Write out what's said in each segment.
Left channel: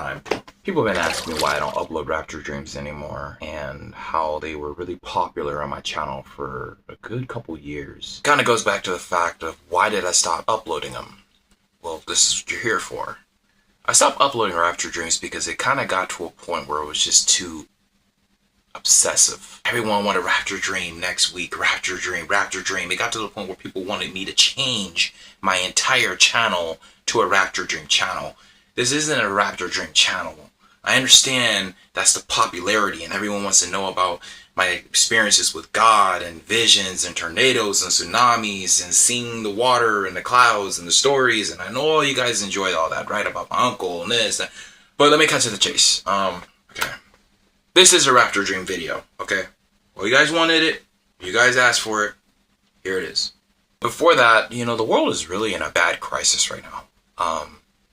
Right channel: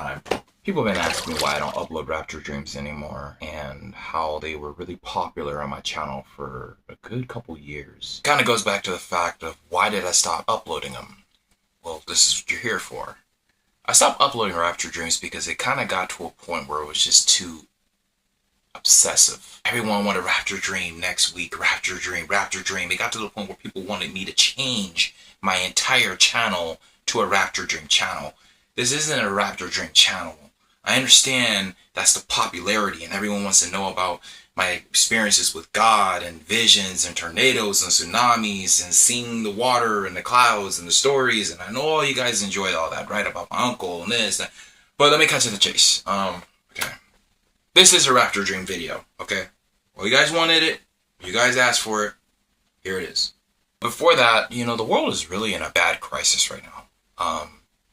time. People have been asking me why I don't upload Rapture Dreams anymore and how they were really popular on my channel for a good couple years. Kind of goes back to the fact of why did I stop uploading them? Well, this is what you're here for. I stopped uploading Rapture Dreams because it kind of got to a point where it was just too obsessive. Everyone wanted Rapture Dream next week, Rapture Dream, Rapture Dream. It got to the point where people wanted me to change my entire channel to a Rapture Dream channel. This isn't a Rapture Dream channel. I understand that's the popularity and everyone wants to know about my experiences with God and visions and tornadoes and tsunamis and seeing the water and the clouds and the stories. And I know all you guys enjoyed all that, right? About my uncle and this. But let me cut to the chase. Okay. This is a Rapture Dream video, okay? Well, you guys wanted it. You guys asked for it. Here it is. Before that, you know, the world is really in a bad crisis right now.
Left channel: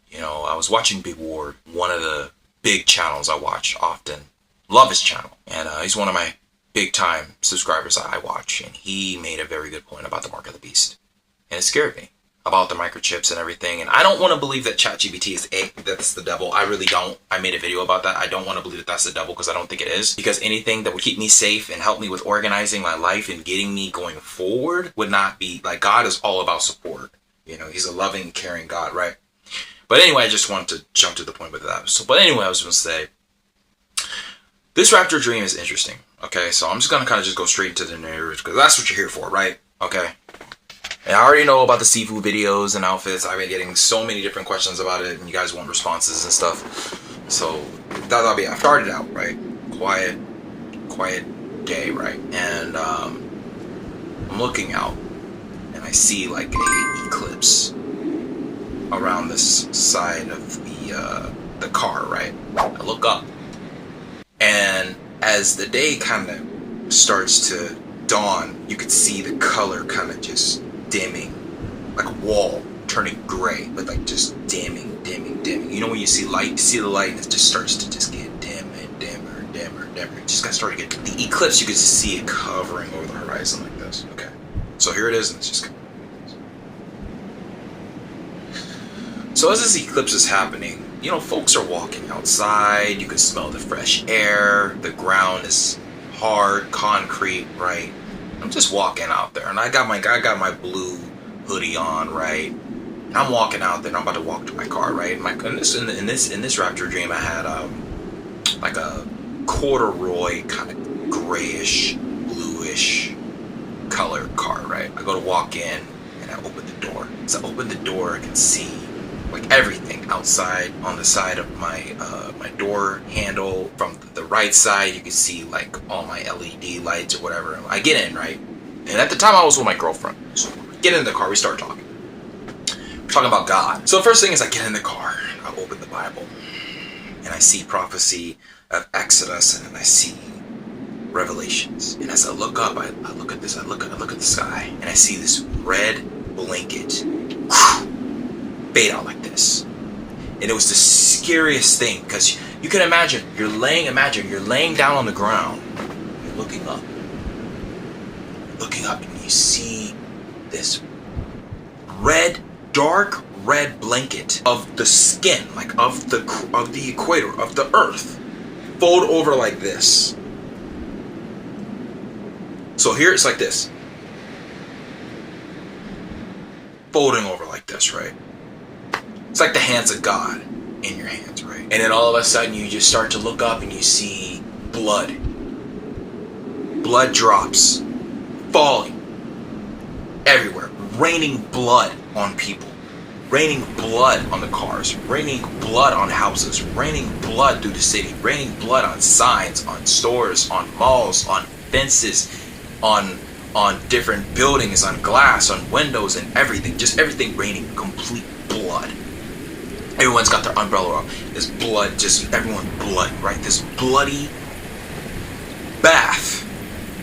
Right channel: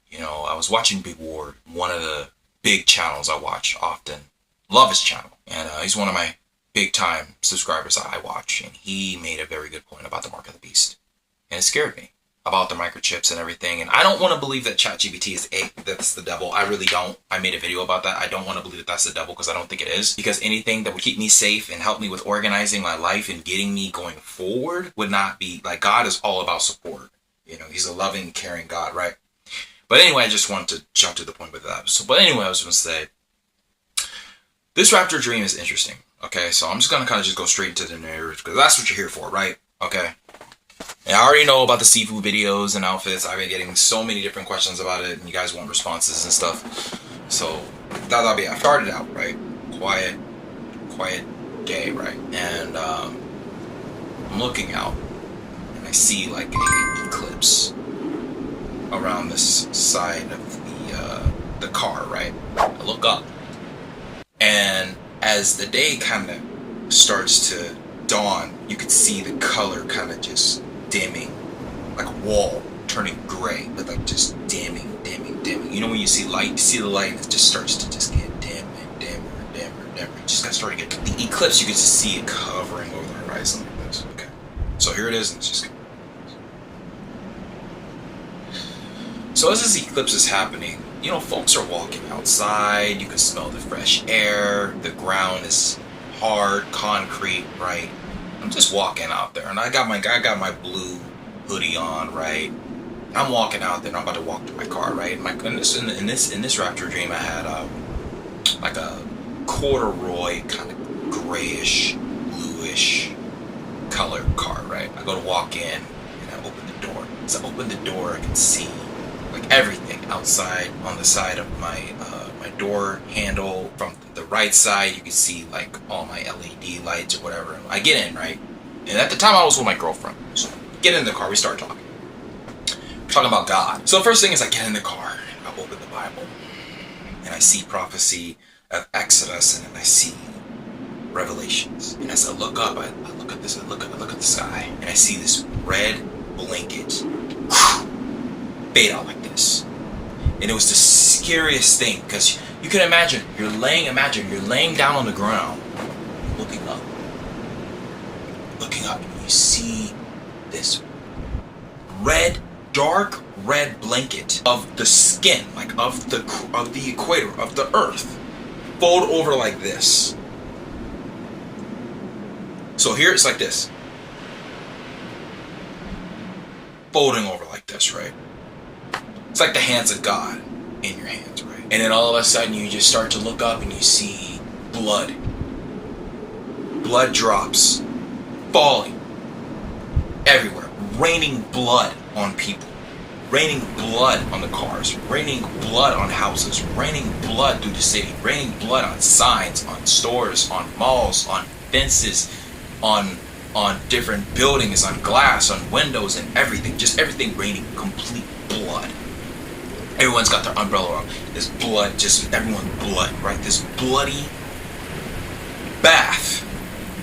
You know, I was watching Big Ward, one of the big channels I watch often. Love his channel. And he's one of my big time subscribers that I watch. And he made a very good point about the mark of the beast. And it scared me about the microchips and everything. And I don't want to believe that ChatGPT is that's the devil. I really don't. I made a video about that. I don't want to believe that that's the devil because I don't think it is. Because anything that would keep me safe and help me with organizing my life and getting me going forward would not be, like, God is all about support. You know, he's a loving, caring God, right? But anyway, I just wanted to jump to the point with that. So, but anyway, I was going to say, this Rapture Dream is interesting. Okay, so I'm just going to kind of just go straight into the narrative because that's what you're here for, right? Okay. And I already know about the seafood videos and outfits. I've been getting so many different questions about it, and you guys want responses and stuff. So that'll be. I started out right, quiet day, right, and I'm looking out, and I see like a eclipse around this side of the car, right. I look up, and as the day kind of starts to dawn, you could see the color kind of just dimming, like a wall turning gray, but like just dimming. You know when you see light, you see the light and it just starts to just get dim and dimmer. It just got started to get the eclipse. You could just see it covering over the horizon like this. Okay, so here it is, and it's just. So as this eclipse is happening, you know, folks are walking outside. You can smell the fresh air. The ground is hard concrete, right? I'm just walking out there, and I got my blue hoodie on, right? And I'm walking out there, and I'm about to walk to my car, right? In this Rapture Dream, I had like a corduroy kind of grayish, bluish color car, right? I go to walk in, and I open the door. As I open the door, I can see like everything outside on the side of my my door handle. From the right side, you can see like all my LED lights or whatever. I get in, right? And at the time I was with my girlfriend. So get in the car, we start talking. We're talking about God. So the first thing is I get in the car, I open the Bible, and I see prophecy of Exodus, and then I see Revelations. And as I look up, I look at this, I look at the sky, and I see this red blanket fade out like this. And it was the scariest thing, because you can imagine you're laying down on the ground, you're looking up, and you see this dark red blanket of the skin, like of the equator of the earth, fold over like this. So here it's like this, folding over like this, right? It's like the hands of God in your hands, right? And then all of a sudden you just start to look up and you see blood drops falling everywhere, raining blood on people, raining blood on the cars, raining blood on houses, raining blood through the city, raining blood on signs, on stores, on malls, on fences, on different buildings, on glass, on windows, and everything. Just everything raining complete blood. Everyone's got their umbrella on. There's blood, just everyone's blood, right? This bloody bath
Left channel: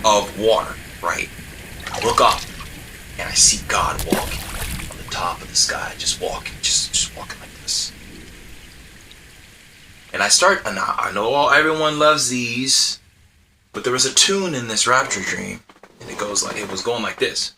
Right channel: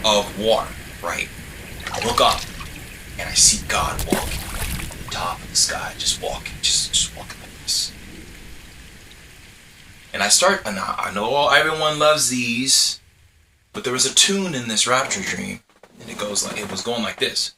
of water, right? I look up and I see God walking on the top of the sky, just walking like this. And I know everyone loves these, but there was a tune in this Rapture Dream, and it was going like this.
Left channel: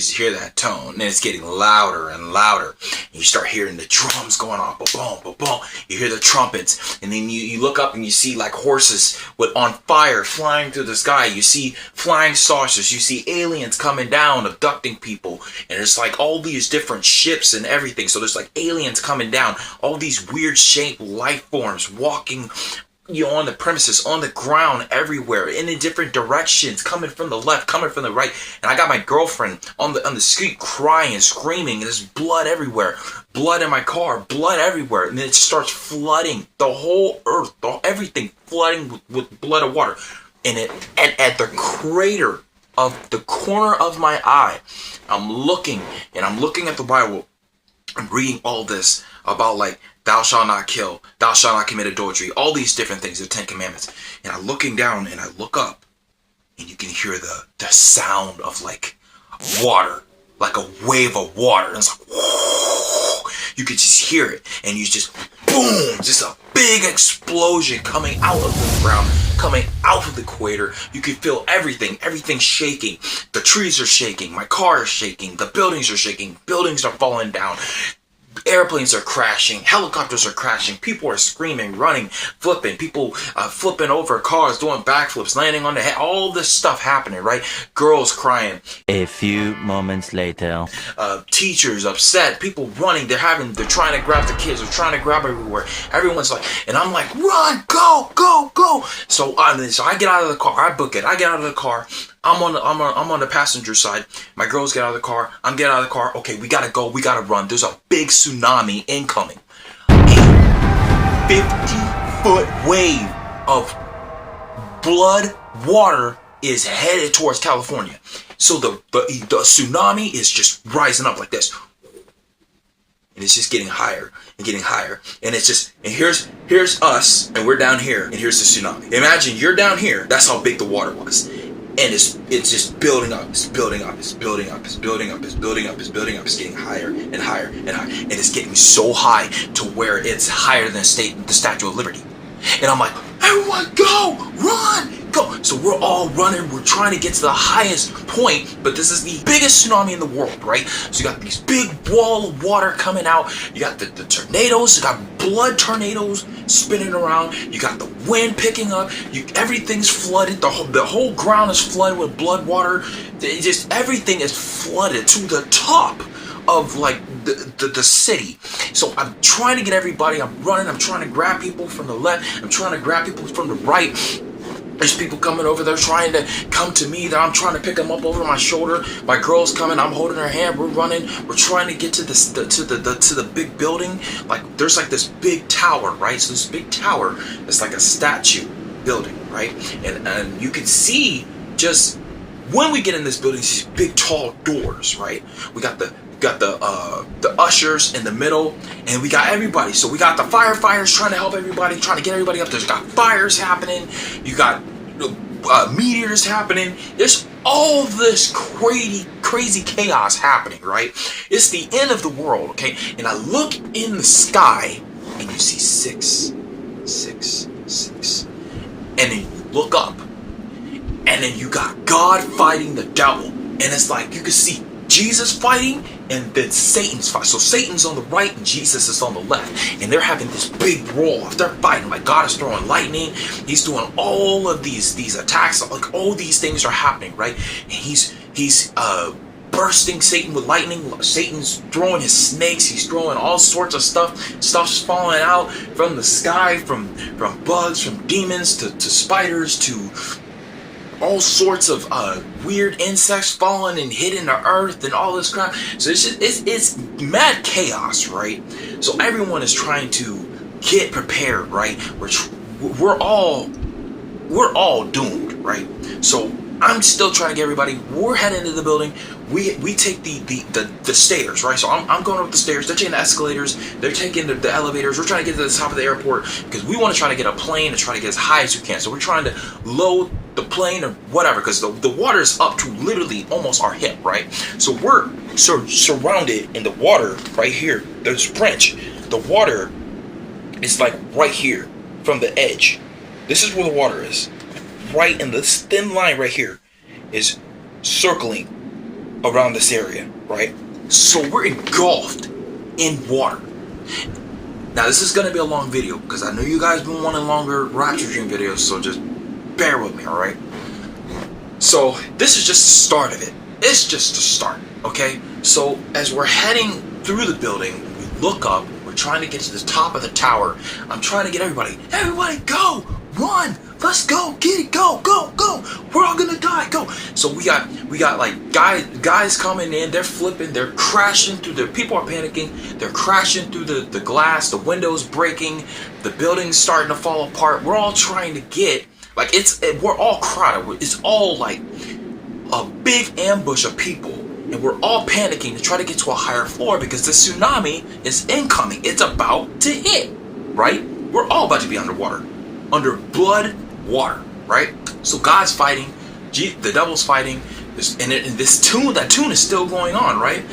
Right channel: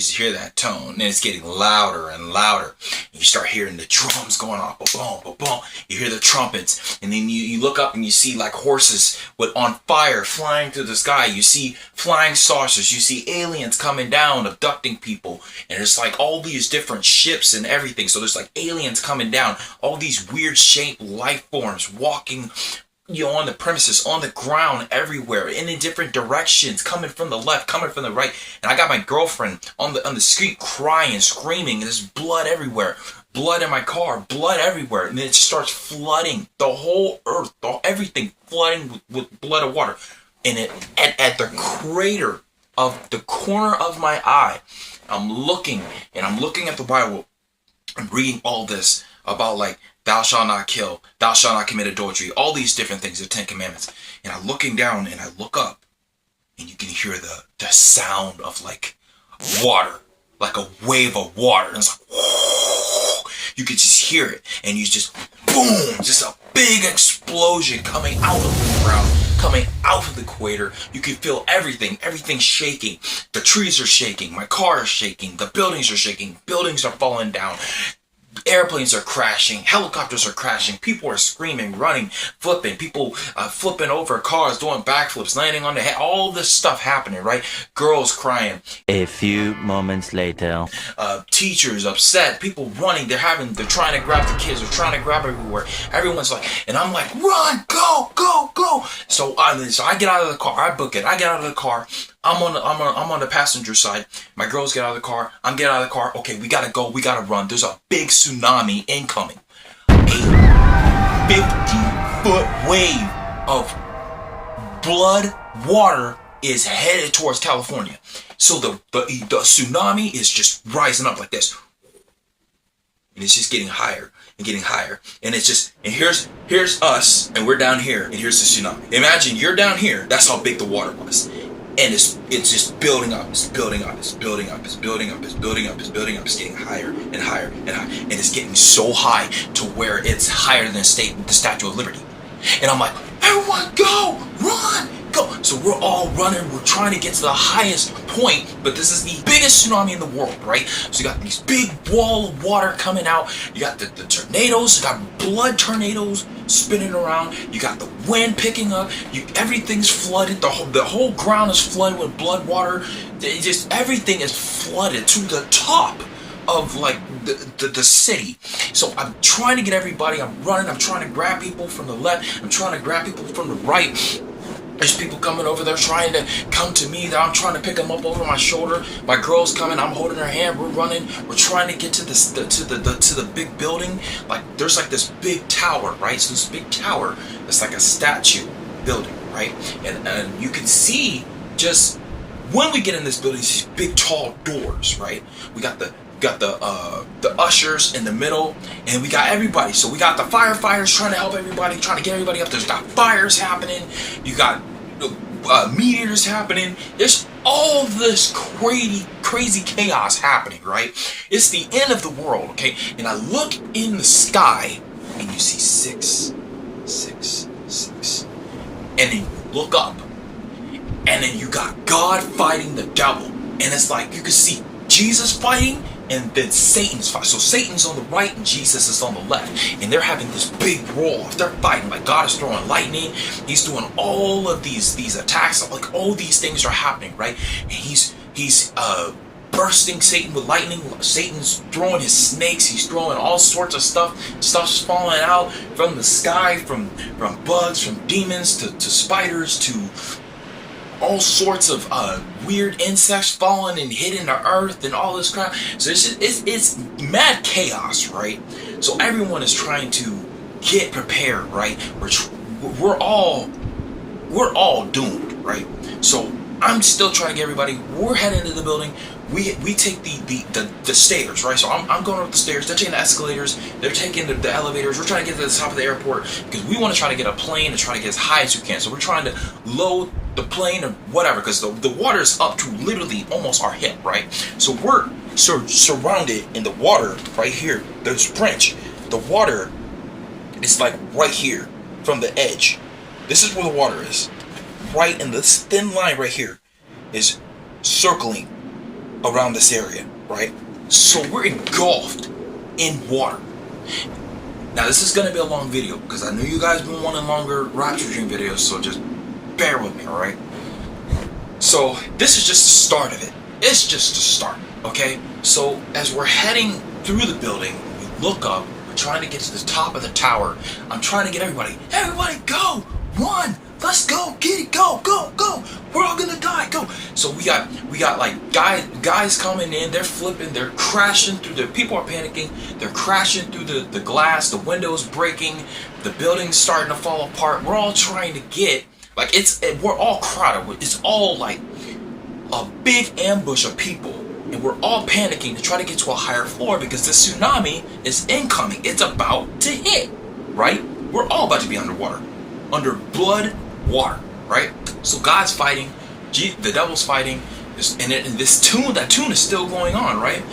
can hear that tone, and it's getting louder and louder. And you start hearing the drums going off, boom, boom, boom. You hear the trumpets, and then you look up and you see like horses on fire flying through the sky. You see flying saucers. You see aliens coming down, abducting people, and there's like all these different ships and everything. So there's like aliens coming down, all these weird shaped life forms walking, on the premises, on the ground, everywhere, in different directions, coming from the left, coming from the right. And I got my girlfriend on the street crying, screaming, and there's blood everywhere, blood in my car, blood everywhere. And then it starts flooding the whole earth, everything flooding with blood and water. And at the crater of the corner of my eye, I'm looking at the Bible. I'm reading all this about like, thou shalt not kill, thou shalt not commit adultery, all these different things, the 10 Commandments. And I'm looking down and I look up and you can hear the sound of like water, like a wave of water. And it's like, whoo, you could just hear it. And you just, boom, just a big explosion coming out of the ground, coming out of the equator. You can feel everything shaking. The trees are shaking, my car is shaking, the buildings are shaking, buildings are falling down. Airplanes are crashing, helicopters are crashing, people are screaming, running, flipping, people flipping over cars, doing backflips, landing on the head, all this stuff happening, right? Girls crying. A few moments later. Teachers upset, people running, they're trying to grab the kids, they're trying to grab everywhere. Everyone's like, and I'm like, run, go, go, go. So I get out of the car, I book it, I get out of the car. I'm on the passenger side. My girls get out of the car. I'm getting out of the car. Okay, we gotta go. We gotta run. There's a big tsunami incoming. A 50-foot wave of blood water is headed towards California. So the tsunami is just rising up like this, and it's just getting higher and getting higher. And it's just, and here's us, and we're down here, and here's the tsunami. Imagine you're down here. That's how big the water was. And it's just building up, it's building up, it's building up, it's building up, it's building up, it's building up, it's getting higher and higher and higher. And it's getting so high to where it's higher than the Statue of Liberty. And I'm like, everyone go, run, go. So we're all running, we're trying to get to the highest point, but this is the biggest tsunami in the world, right? So you got these big wall of water coming out, you got the tornadoes, you got blood tornadoes spinning around, you got the wind picking up, everything's flooded, the whole ground is flooded with blood water. Everything is flooded to the top of like the city. So I'm trying to get everybody, I'm running, I'm trying to grab people from the left, I'm trying to grab people from the right. There's people coming over there trying to come to me, that I'm trying to pick them up over my shoulder. My girl's coming, I'm holding her hand, we're running, we're trying to get to the big building. Like there's like this big tower, right? So this big tower is like a statue building, right? And you can see just when we get in this building, these big tall doors, right? We got the ushers in the middle, and we got everybody. So we got the firefighters trying to help everybody, trying to get everybody up. There's got fires happening. You got meteors happening. There's all this crazy chaos happening, right? It's the end of the world, okay? And I look in the sky, and you see 6, 6, 6. And then you look up, and then you got God fighting the devil. And it's like you can see Jesus fighting, and then Satan's fighting. So Satan's on the right and Jesus is on the left. And they're having this big brawl. They're fighting. Like God is throwing lightning. He's doing all of these attacks. Like all these things are happening, right? And he's bursting Satan with lightning. Satan's throwing his snakes. He's throwing all sorts of stuff. Stuff's falling out from the sky, from bugs, from demons to spiders to all sorts of weird insects falling and hitting the earth and all this crap. So it's mad chaos, right? So everyone is trying to get prepared, right? We're all doomed, right? So I'm still trying to get everybody. We're heading into the building. We take the stairs, right? So I'm going up the stairs. They're taking the escalators. They're taking the elevators. We're trying to get to the top of the airport because we want to try to get a plane and try to get as high as we can. So we're trying to load the plane or whatever, because the water is up to literally almost our hip, right? So we're surrounded in the water right here. There's French. The water is like right here from the edge. This is where the water is. Right in this thin line right here is circling around this area, right? So we're engulfed in water. Now this is going to be a long video because I know you guys been wanting longer Rapture Dream videos, so just bear with me, alright? So this is just the start of it. It's just the start, okay? So as we're heading through the building, we look up, we're trying to get to the top of the tower. I'm trying to get everybody go, run, let's go, get it, go, we're all gonna die, go. So we got like guys coming in, they're flipping, they're crashing through the, people are panicking, they're crashing through the glass, the windows breaking, the building's starting to fall apart. We're all trying to get, like, we're all crowded, it's all like a big ambush of people, and we're all panicking to try to get to a higher floor because the tsunami is incoming. It's about to hit, right? We're all about to be underwater, under blood water, right? So God's fighting, the devil's fighting, and that tune is still going on, right?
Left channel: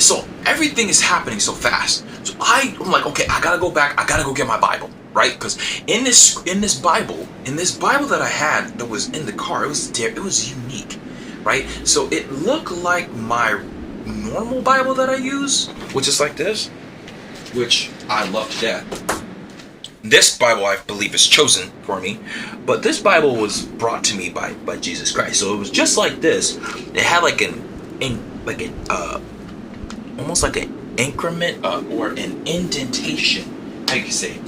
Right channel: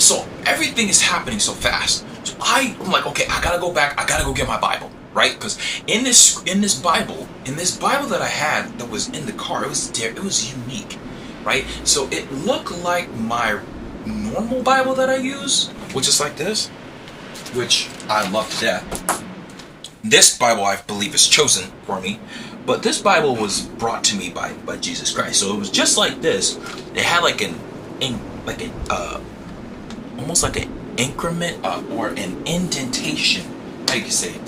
So everything is happening so fast. So I'm like, okay, I gotta go back. I gotta go get my Bible, right? Because in this Bible that I had that was in the car, it was unique, right? So it looked like my normal Bible that I use, which is like this, which I love to death. This Bible, I believe, is chosen for me, but this Bible was brought to me by Jesus Christ. So it was just like this. It had like almost like an increment or an indentation. How do you say it?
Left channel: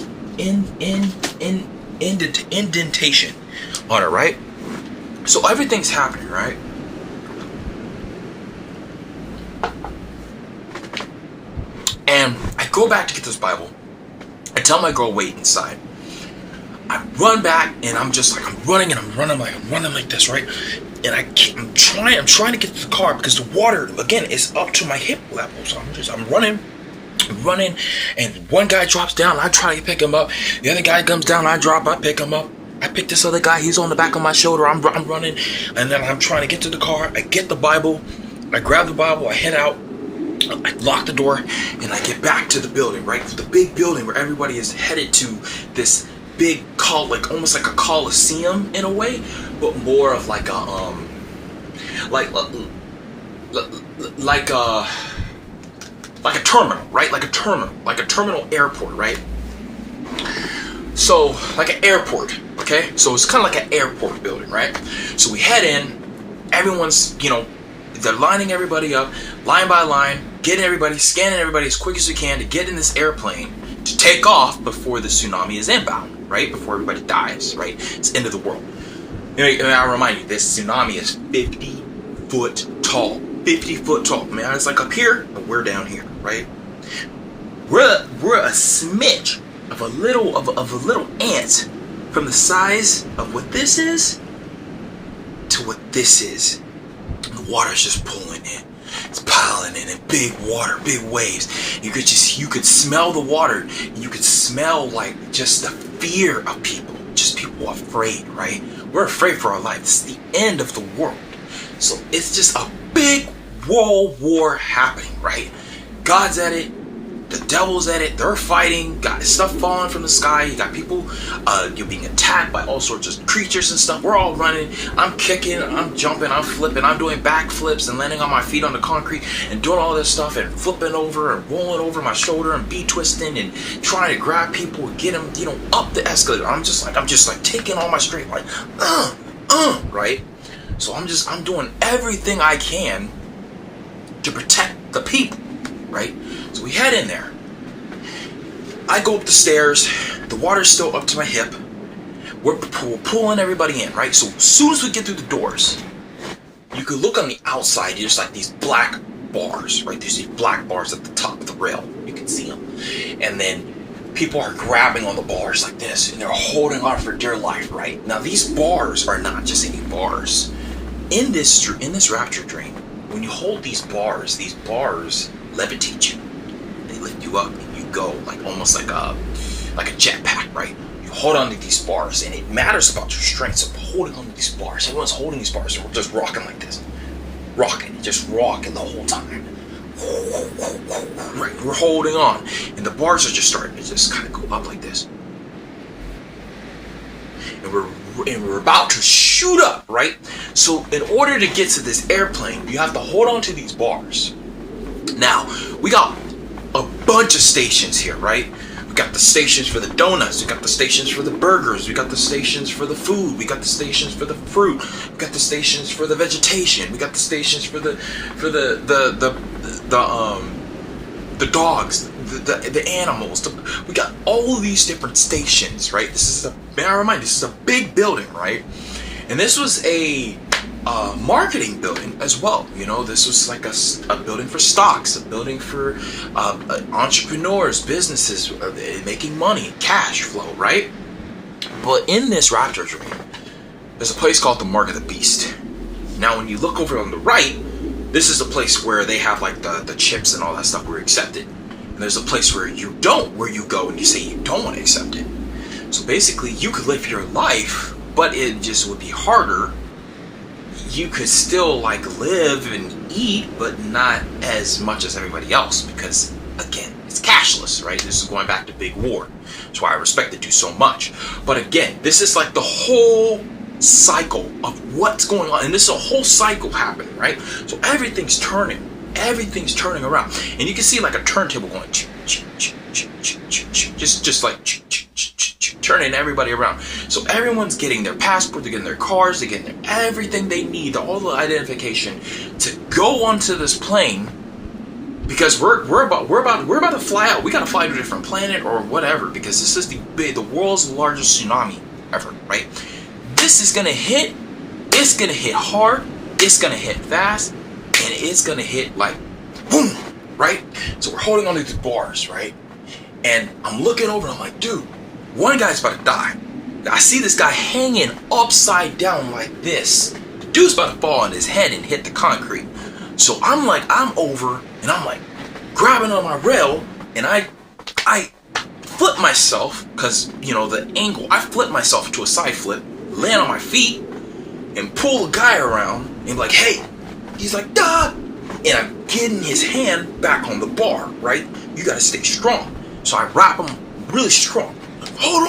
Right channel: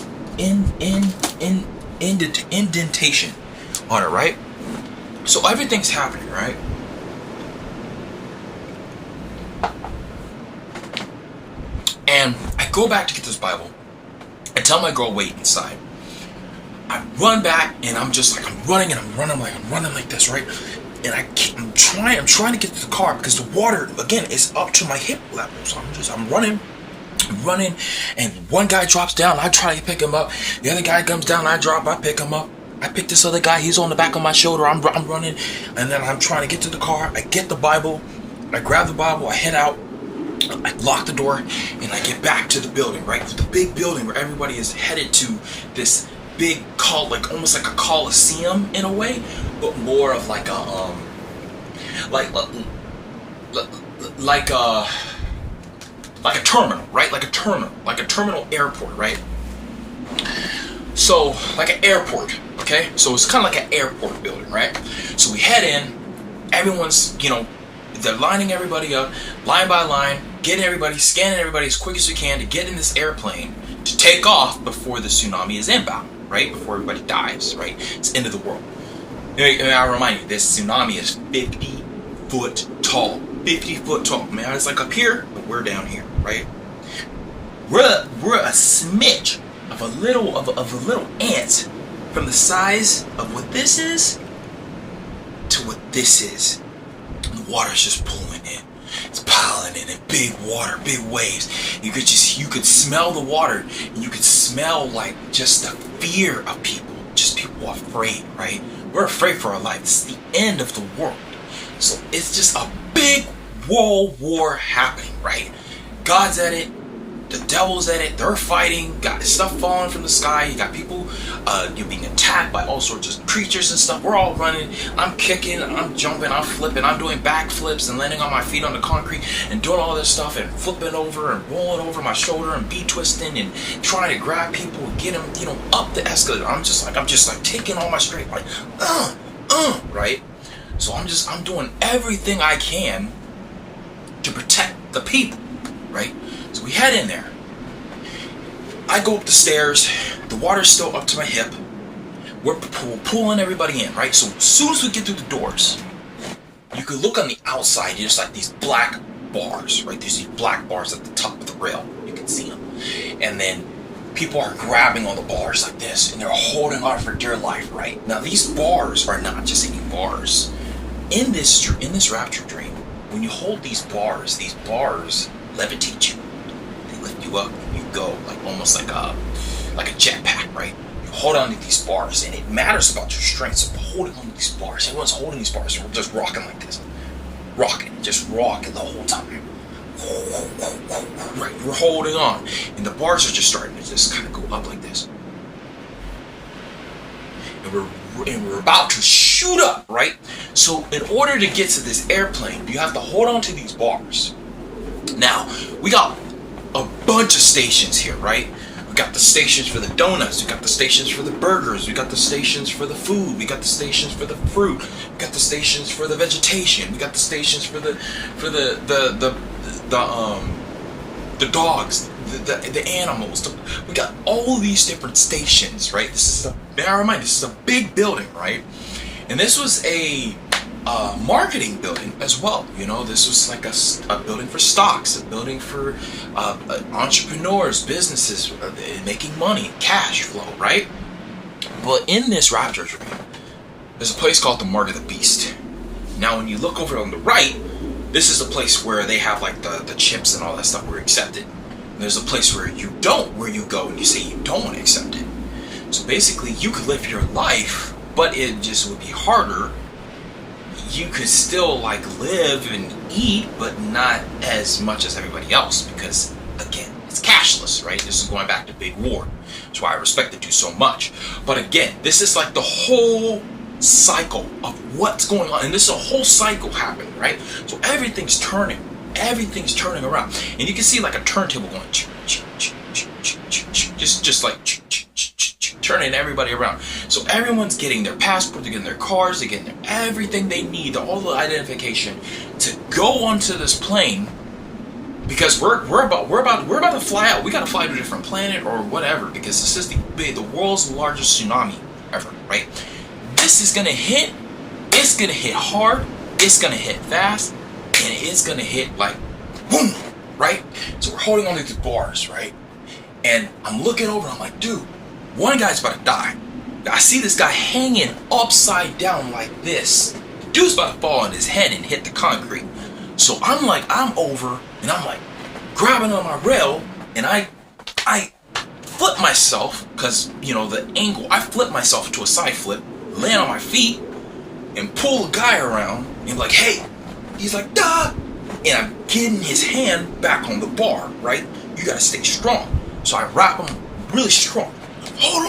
Indentation on it, right? So everything's happening, right? And I go back to get this Bible. I tell my girl, wait inside. I run back and I'm running like this, right? And I'm trying to get to the car because the water, again, is up to my hip level. So I'm running, and one guy drops down, I try to pick him up. The other guy comes down, I pick him up. I pick this other guy, he's on the back of my shoulder, I'm running, and then I'm trying to get to the car. I get the Bible, I grab the Bible, I head out, I lock the door, and I get back to the building, right? The big building where everybody is headed to this big like almost like a coliseum in a way, but more of like a like a terminal, right? Like a terminal airport, right? So like an airport, okay? So it's kind of like an airport building, right? So we head in, everyone's, they're lining everybody up, line by line, getting everybody, scanning everybody as quick as we can to get in this airplane to take off before the tsunami is inbound, right? Before everybody dies, right? It's end of the world. I remind you, this tsunami is 50 foot tall. 50 foot tall. I mean, it's like up here, but we're down here, right? We're a smidge of a little ant from the size of what this is to what this is. The water's just pulling in. It's piling in big water, big waves. You could smell the water, and you could smell like just the fear of people. Just people afraid, right? We're afraid for our life. This is the end of the world. So it's just a big world war happening, right? God's at it. The devil's at it. They're fighting. Got stuff falling from the sky. You got people you're being attacked by all sorts of creatures and stuff. We're all running. I'm kicking. I'm jumping. I'm flipping. I'm doing backflips and landing on my feet on the concrete and doing all this stuff and flipping over and rolling over my shoulder and twisting and trying to grab people and get them, up the escalator. I'm just like taking all my strength, like, right? So I'm doing everything I can to protect the people, right? So we head in there. I go up the stairs. The water's still up to my hip. We're pulling everybody in, right? So as soon as we get through the doors, you can look on the outside. There's like these black bars, right? There's these black bars at the top of the rail. You can see them. And then people are grabbing on the bars like this, and they're holding on for dear life, right? Now these bars are not just any bars. In this Rapture Dream, when you hold these bars levitate you. They lift you up and you go like almost like a jetpack, right? You hold on to these bars, and it matters about your strength. So holding on to these bars, everyone's holding these bars, and we're just rocking like this, just rocking the whole time. Right, we're holding on, and the bars are just starting to just kind of go up like this. and we're about to shoot up, right? So in order to get to this airplane, you have to hold on to these bars. Now, we got a bunch of stations here, right? We got the stations for the donuts, we got the stations for the burgers, we got the stations for the food, we got the stations for the fruit, we got the stations for the vegetation, we got the stations for the dogs, the animals. We got all these different stations, right? This is a big building, right? And this was a marketing building as well. You know, this was like a building for stocks, a building for entrepreneurs, businesses making money, cash flow, right? But in this Rapture Dream, there's a place called the Mark of the Beast. Now, when you look over on the right, this is a place where they have like the chips and all that stuff were accepted. And there's a place where you go and you say you don't want to accept it. So basically, you could live your life, but it just would be harder. You could still like live and eat, but not as much as everybody else because, again, it's cashless, right? This is going back to Big War. That's why I respect the dude so much. But again, this is like the whole cycle of what's going on, and this is a whole cycle happening, right? So everything's turning around, and you can see like a turntable going just like turning everybody around. So everyone's getting their passport, they're getting their cars, they're getting everything they need, all the identification to go onto this plane, because we're about to fly out. We got to fly to a different planet or whatever, because this is the world's largest tsunami ever, right? This is gonna hit. It's gonna hit hard. It's gonna hit fast, and it's gonna hit like boom, right? So we're holding on to these bars, right? And I'm looking over, and I'm like, dude, one guy's about to die. I see this guy hanging upside down like this. The dude's about to fall on his head and hit the concrete. So I'm over, and I'm like grabbing on my rail, and I flip myself, because you know the angle. I flip myself to a side flip, land on my feet, and pull the guy around, and be like, hey. He's like, duh. And I'm getting his hand back on the bar, right? You gotta stay strong. So I wrap him really strong. Hold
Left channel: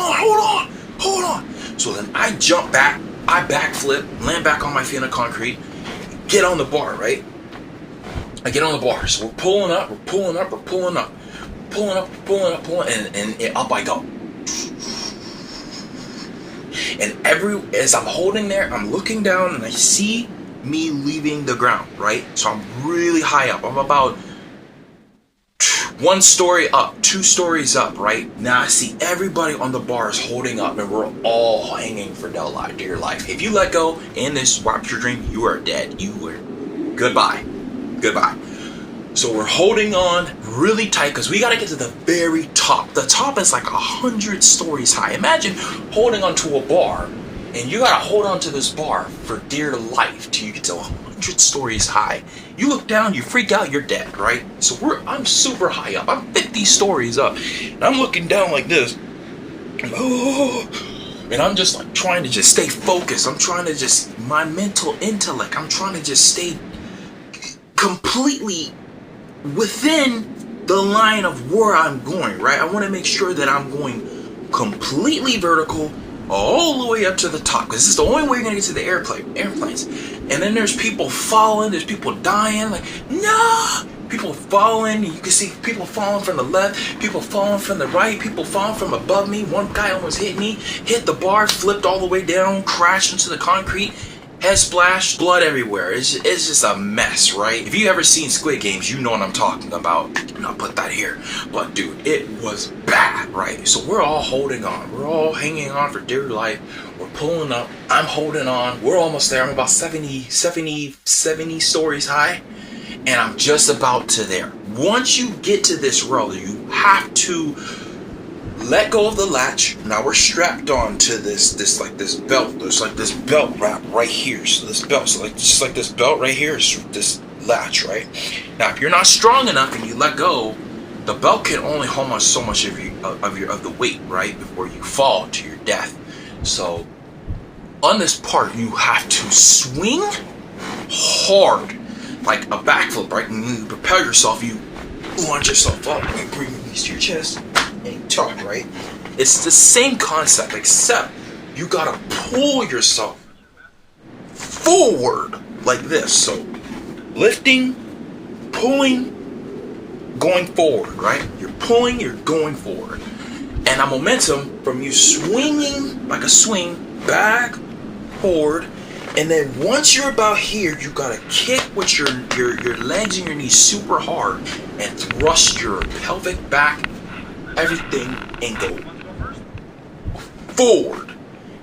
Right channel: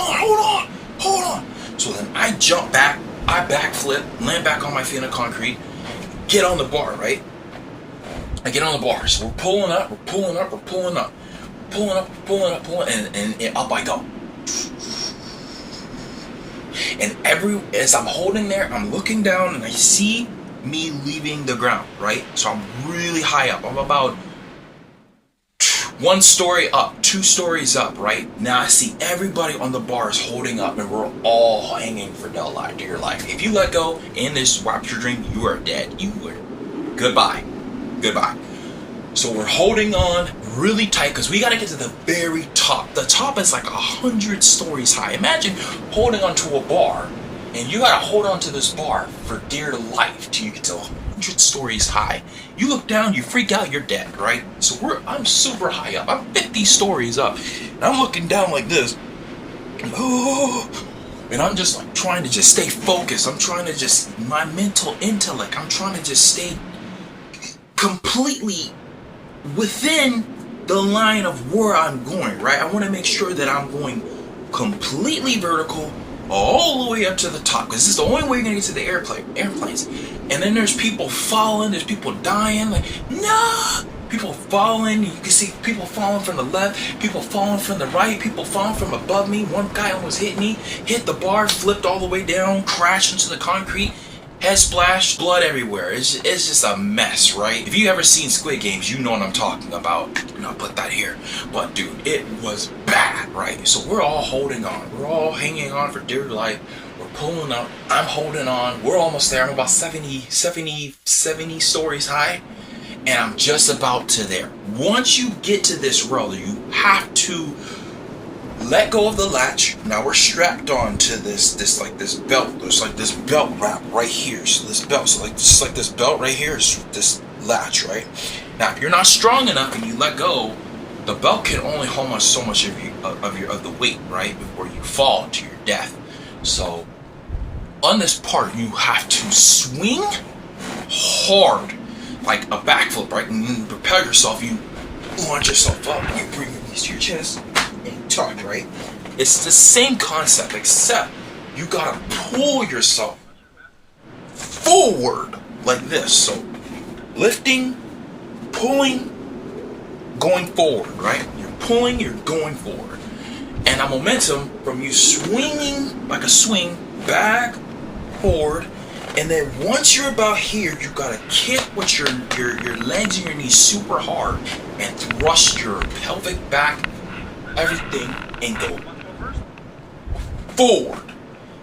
on. So then I jump back, I backflip, land back on my feet on the concrete, get on the bar, right? I get on the bar. So we're pulling up, and up I go. And as I'm holding there, I'm looking down and I see me leaving the ground, right? So I'm really high up. I'm about 1 story up, 2 stories up, right? Now I see everybody on the bars holding up, and we're all hanging for dear life. If you let go in this Rapture Dream, you are dead. Goodbye. So we're holding on really tight because we got to get to the very top. The top is like 100 stories high. Imagine holding onto a bar, and you got to hold on to this bar for dear life till you get to 100 stories high. You look down, you freak out, you're dead, right? So I'm super high up. I'm 50 stories up, and I'm looking down like this. And I'm just like trying to just stay focused. I'm trying to just, my mental intellect, I'm trying to just stay completely within the line of where I'm going, right? I want to make sure that I'm going completely vertical all the way up to the top, because this is the only way you're going to get to the airplanes. And then there's people falling, there's people dying, like, no! People falling, you can see people falling from the left, people falling from the right, people falling from above me. One guy almost hit me, hit the bar, flipped all the way down, crashed into the concrete. Head splash, blood everywhere. It's just a mess, right? If you ever seen Squid Games, you know what I'm talking about. And I'll put that here. But dude, it was bad, right? So we're all holding on. We're all hanging on for dear life. We're pulling up. I'm holding on. We're almost there. I'm about 70 stories high. And I'm just about to there. Once you get to this row, you have to let go of the latch. Now we're strapped on to this belt. There's like this belt wrap right here. So this belt, just like this belt right here is this latch, right? Now, if you're not strong enough and you let go, the belt can only hold so much of the weight, right, before you fall to your death. So on this part, you have to swing hard, like a backflip, right? And you propel yourself. You launch yourself up. You bring your knees to your chest. And tuck, right? It's the same concept, except you gotta pull yourself forward like this. So lifting, pulling, going forward, right? You're pulling, you're going forward. And a momentum from you swinging like a swing back, forward, and then once you're about here, you gotta kick with your legs and your knees super hard and thrust your pelvic back, everything, and go forward.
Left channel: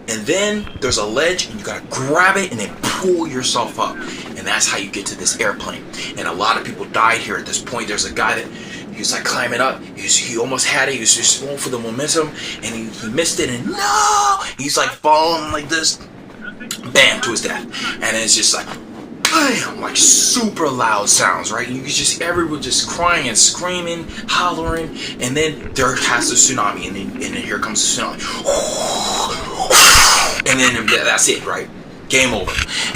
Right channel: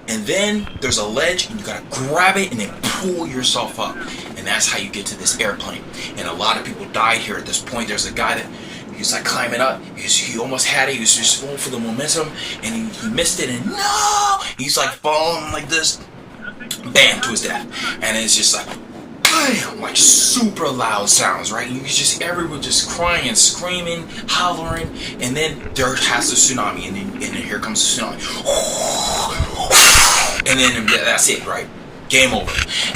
And then there's a ledge and you gotta grab it and then pull yourself up. And that's how you get to this airplane. And a lot of people died here at this point. There's a guy that he was like climbing up. He almost had it. He was just going for the momentum and he missed it. And no! He's like falling like this. Bam, to his death. And it's just like, bam, like super loud sounds, right? And you just, everyone just crying and screaming, hollering. And then there has the tsunami. And then here comes the tsunami. And then that's it, right? Game over.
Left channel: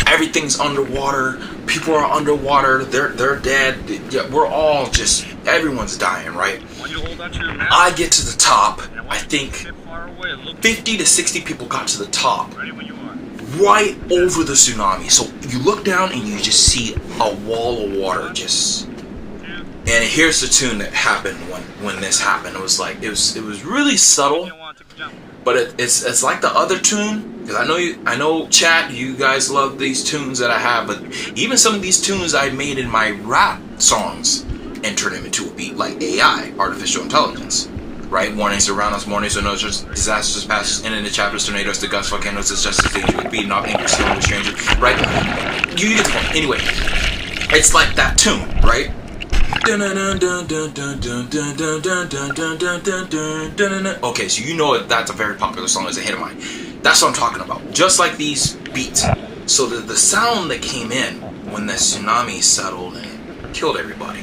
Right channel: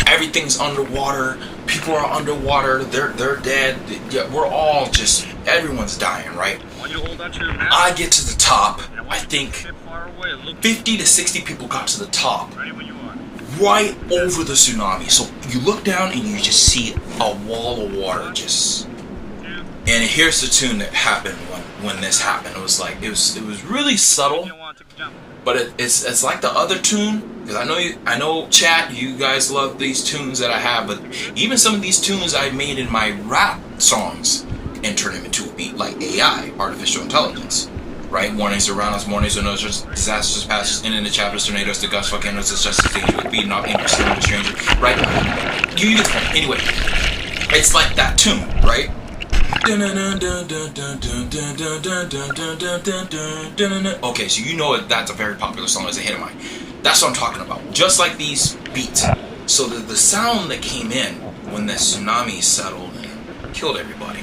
Everything's underwater. People are underwater. They're dead. Yeah, we're all just, everyone's dying, right? I get to the top. I think 50 to 60 people got to the top. Right over the tsunami. So you look down and you just see a wall of water just. And here's the tune that happened when this happened. It was like it was really subtle, but it's like the other tune, because I know chat, you guys love these tunes that I have, but even some of these tunes I made in my rap songs and turn them into a beat, like AI, artificial intelligence. Right? Warnings around us, warnings or no disasters past, and in the chapters, tornadoes, the gusts, volcanoes, it's just a stage with beating off English, stealing the stranger, right? You get the point. Anyway, it's like that tune, right? Okay, so you know that's a very popular song, as a hit of mine. That's what I'm talking about. Just like these beats. So the sound that came in when the tsunami settled and killed everybody,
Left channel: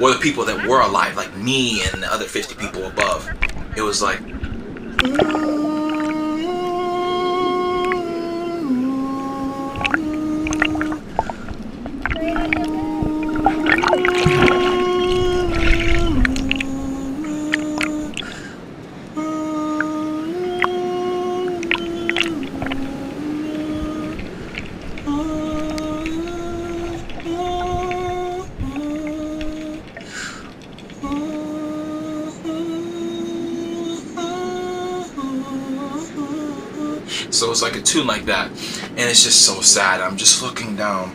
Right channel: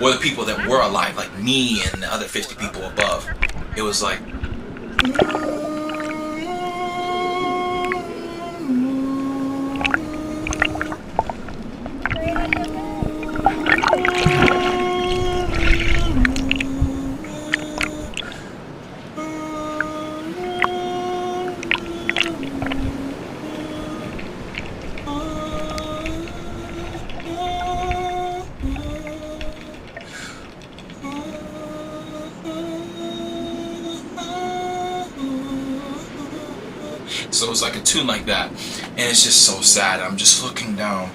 or the people that were alive, like me and the other 50 people above, it was like, so it's like a tune like that, and it's just so sad. I'm just looking down,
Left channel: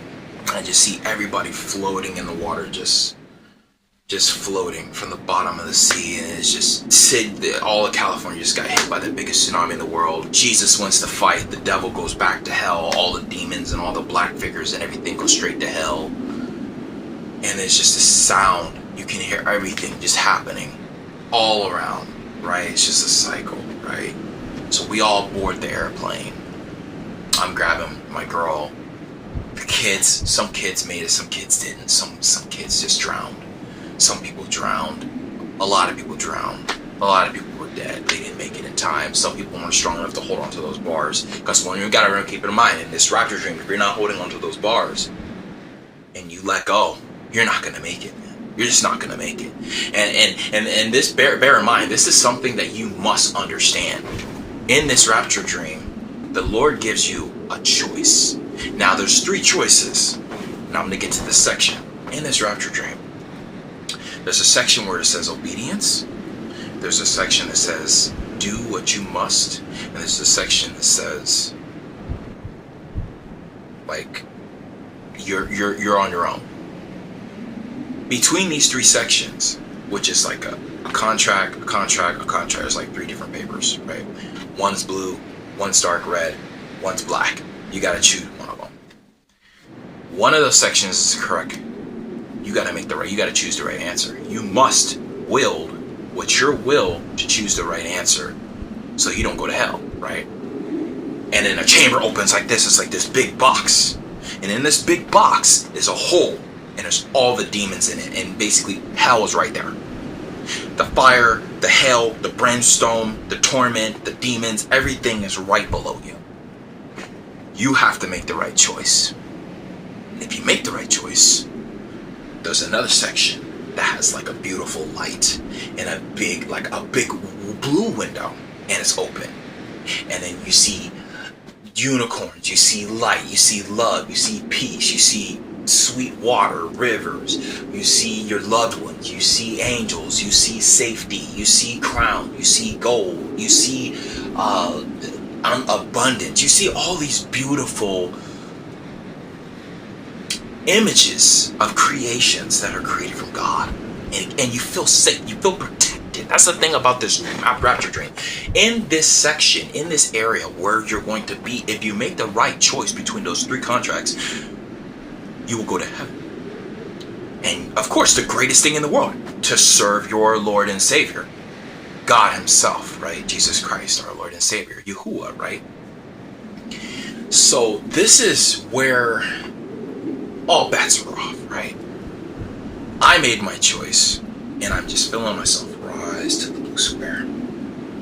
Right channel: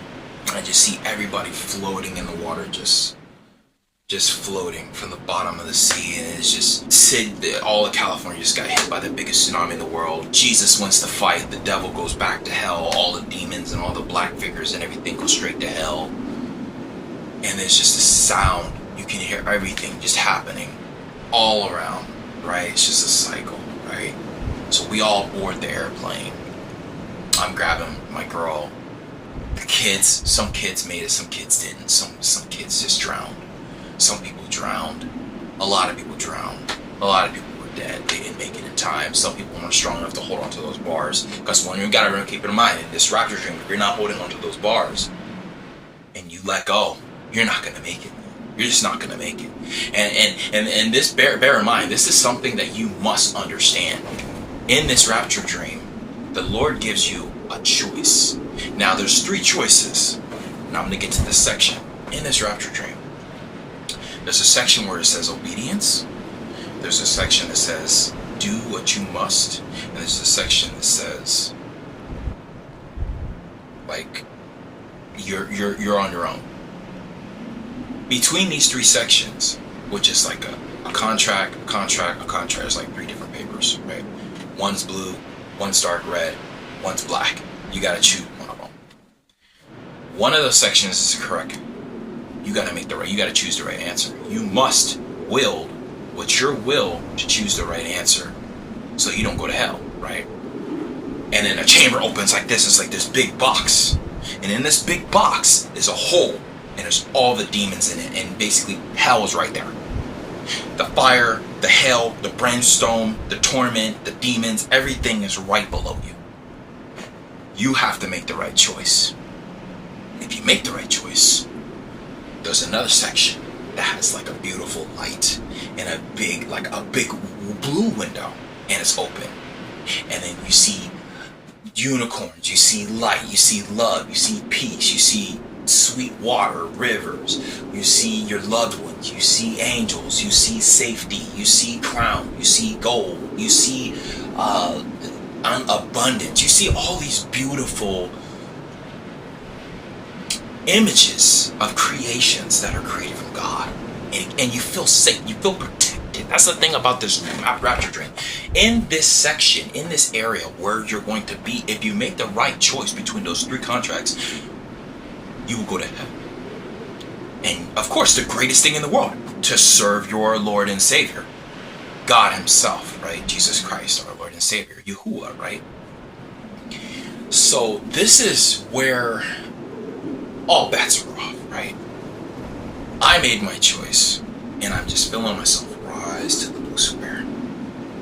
and I just see everybody floating in the water, just floating from the bottom of the sea, and it's just all of California just got hit by the biggest tsunami in the world. Jesus wants to fight, the devil goes back to hell, all the demons and all the black figures and everything go straight to hell, and it's just a sound. You can hear everything just happening all around, right? It's just a cycle, right? So we all board the airplane. I'm grabbing my girl. The kids, some kids made it, some kids didn't. Some kids just drowned. Some people drowned. A lot of people drowned. A lot of people were dead. They didn't make it in time. Some people weren't strong enough to hold onto those bars. Because when you gotta keep it in mind, in this Rapture Dream, if you're not holding onto those bars and you let go, you're not gonna make it. You're just not gonna make it. And this bear in mind, this is something that you must understand. In this Rapture Dream, the Lord gives you a choice. Now there's 3 choices. Now I'm going to get to this section. In this Rapture Dream, there's a section where it says obedience. There's a section that says do what you must. And there's a section that says, like, you're on your own. Between these 3 sections, which is like a contract, there's like 3 different papers, right? One's blue, one's dark red, one's black. You gotta choose one of them. One of those sections is correct. You gotta choose the right answer. You must will with your will to choose the right answer so you don't go to hell, right? And then a chamber opens like this. It's like this big box. And in this big box is a hole, and there's all the demons in it, and basically hell is right there. The fire, the hell, the brimstone, the torment, the demons, everything is right below you. You have to make the right choice. If you make the right choice, there's another section that has like a beautiful light and a big blue window, and it's open. And then you see unicorns, you see light, you see love, you see peace, you see sweet water, rivers, you see your loved ones, you see angels, you see safety, you see crown, you see gold, you see abundance, you see all these beautiful images of creations that are created from God, and you feel safe, you feel protected. That's the thing about this Rapture Dream. In this section, in this area where you're going to be, if you make the right choice between those 3 contracts, you will go to heaven. And of course, the greatest thing in the world, to serve your Lord and Savior, God himself, right? Jesus Christ, our Lord and Savior, Yahuwah, right? So this is where all bets are off, right? I made my choice, and I'm just feeling myself rise to the blue square.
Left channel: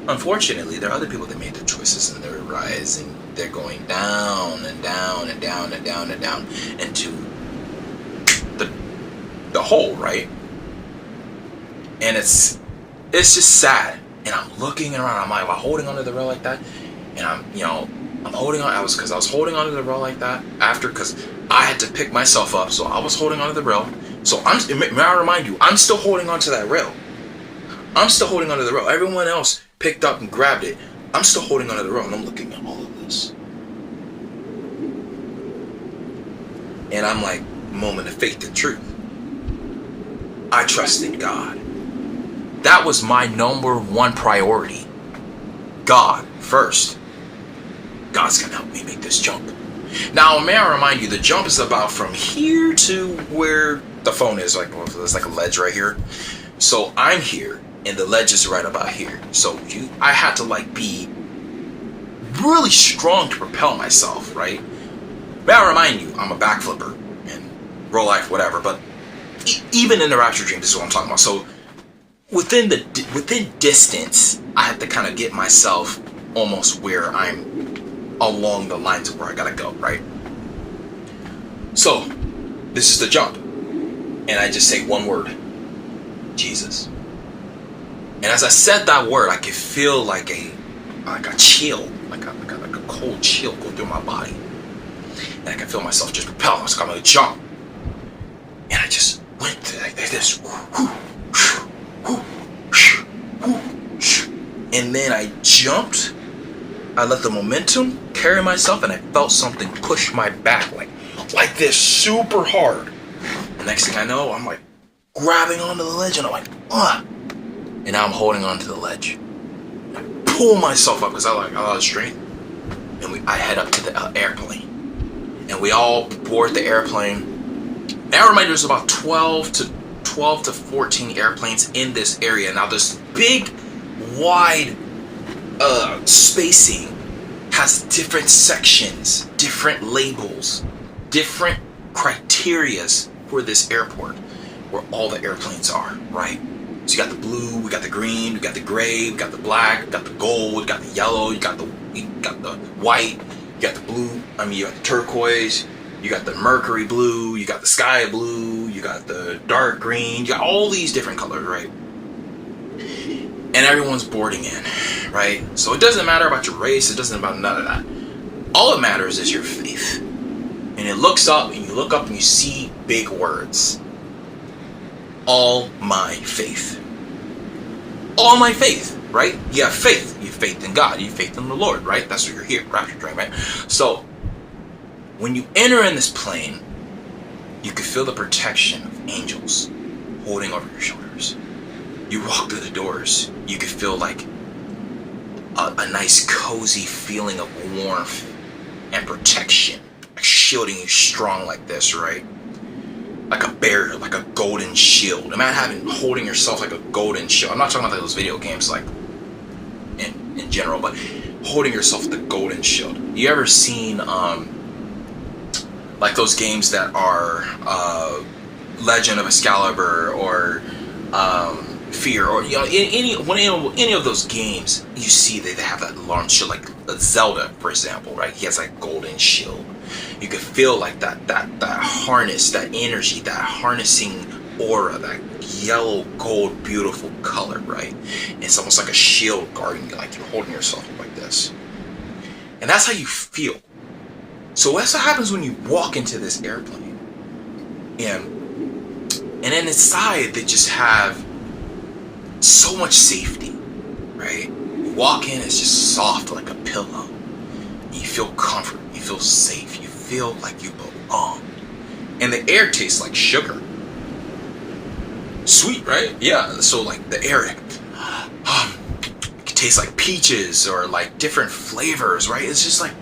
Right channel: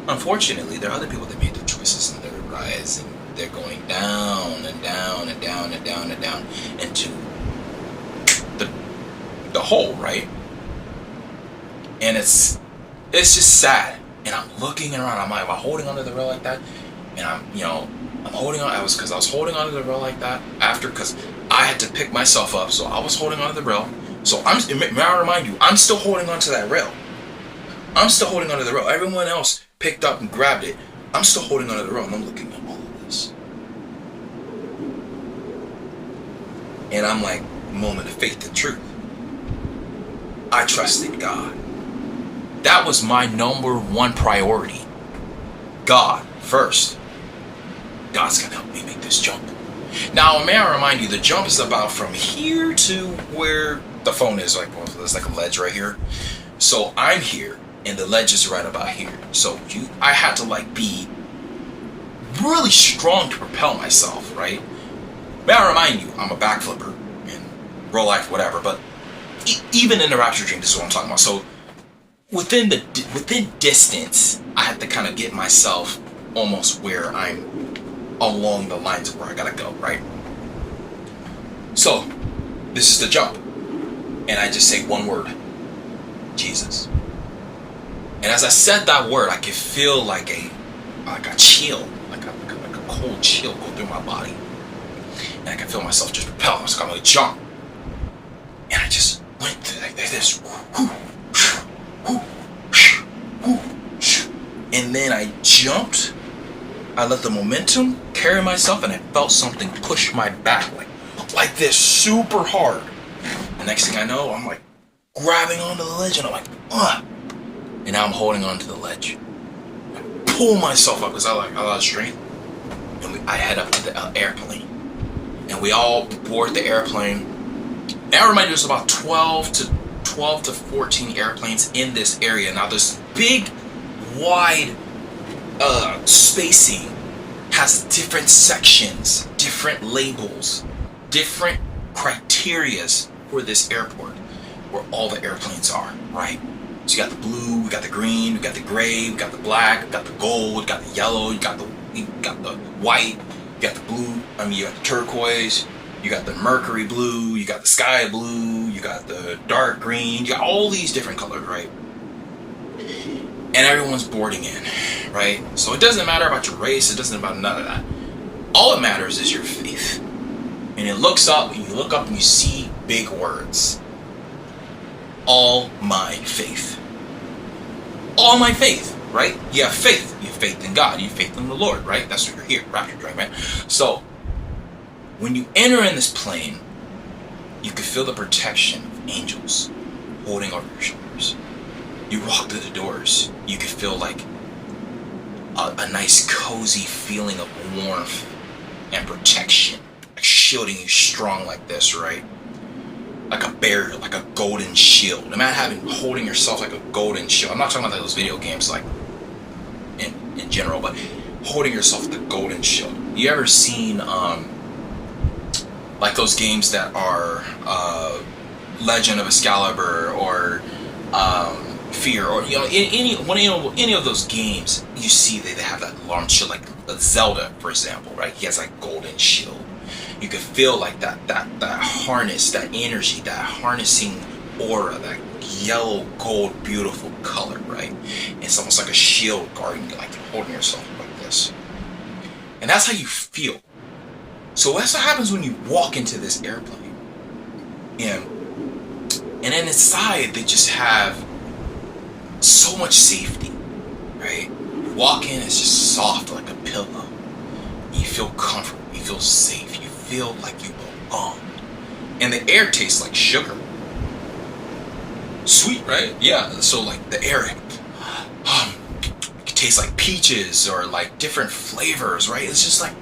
Unfortunately, there are other people that made their choices, and they're rising. They're going down and down and down and down and down into the hole, right? And it's just sad. And I'm looking around. I'm like, am I holding onto the rail like that? And I'm holding on. I was holding onto the rail like that because I had to pick myself up. So I was holding onto the rail. So may I remind you, I'm still holding onto that rail. I'm still holding onto the rail. Everyone else picked up and grabbed it. I'm still holding onto the rail, and I'm looking at all of this. And I'm like, moment of faith and truth. I trusted God. That was my number 1 priority. God first. God's gonna help me make this jump. Now, may I remind you, the jump is about from here to where the phone is. There's like a ledge right here. So I'm here, and the ledge is right about here. So I had to be really strong to propel myself, right? May I remind you, I'm a backflipper in real life, whatever. But even in the Rapture Dream, this is what I'm talking about. So within distance, I have to kind of get myself almost where I'm along the lines of where I gotta go, right? So this is the jump, and I just say one word: Jesus. And as I said that word, I could feel like a chill, like a cold chill go through my body, and I can feel myself just propel. I was going to jump, and I just went through like this. And then I jumped. I let the momentum carry myself, and I felt something push my back like this super hard. The next thing I know, I'm like grabbing onto the ledge, and I'm like, ugh. And now I'm holding onto the ledge. And I pull myself up because I lost strength. And I head up to the airplane. And we all board the airplane. And I remind you, there's about 12 to 14 airplanes in this area. Now this big, wide spacing has different sections, different labels, different criterias for this airport where all the airplanes are, right? So you got the blue, we got the green, we got the gray, we got the black, we got the gold, we got the yellow, you got the white, you got the blue, you got the turquoise, you got the mercury blue, you got the sky blue, you got the dark green, you got all these different colors, right? And everyone's boarding in, right? So it doesn't matter about your race, it doesn't matter none of that. All that matters is your faith. And it looks up, and you look up and you see big words. All my faith. All my faith, right? You have faith. You have faith in God. You have faith in the Lord, right? That's why you're here, Rapture Dream, right? So, when you enter in this plane, you can feel the protection of angels holding over your shoulders. You walk through the doors, you can feel like a nice cozy feeling of warmth and protection, like shielding you strong like this, right? Like a barrier, like a golden shield. Imagine holding yourself like a golden shield. I'm not talking about those video games like in general, but holding yourself with the golden shield. You ever seen like those games that are Legend of Excalibur or Fear, or any of those games, you see they have that long shield, like Zelda, for example, right? He has like golden shield. You can feel like that harness, that energy, that harnessing aura, that yellow gold beautiful color, right? It's almost like a shield guarding you, like you're holding yourself like this. And that's how you feel. So that's what happens when you walk into this airplane. And then inside they just have so much safety, right? You walk in, it's just soft like a pillow. You feel comfort, you feel safe, you feel like you belong. And the air tastes like sugar. Sweet, right? Yeah, so like the air it tastes like peaches or like different flavors, right? It's just like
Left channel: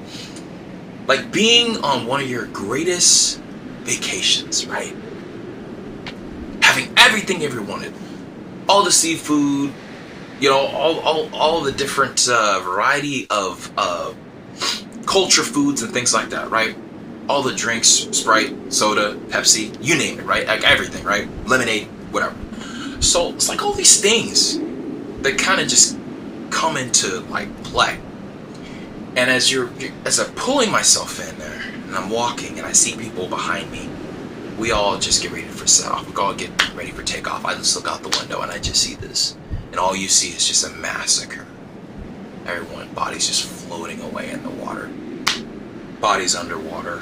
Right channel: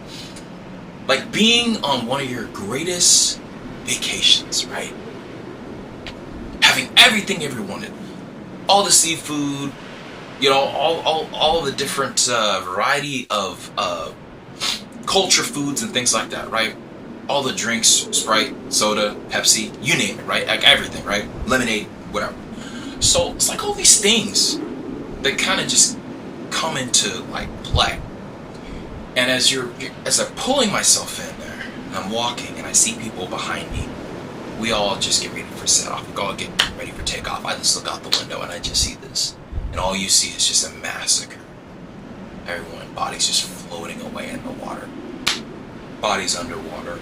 being on one of your greatest vacations, right? Having everything you ever wanted. All the seafood, you know, all the different variety of culture foods and things like that, right? All the drinks, Sprite, soda, Pepsi, you name it, right? Like everything, right? Lemonade, whatever. So it's like all these things that kind of just come into like play. And as I'm pulling myself in there and I'm walking and I see people behind me, we all just get ready for set off. We all get ready for takeoff. I just look out the window and I just see this. And all you see is just a massacre. Everyone, bodies just floating away in the water. Bodies underwater.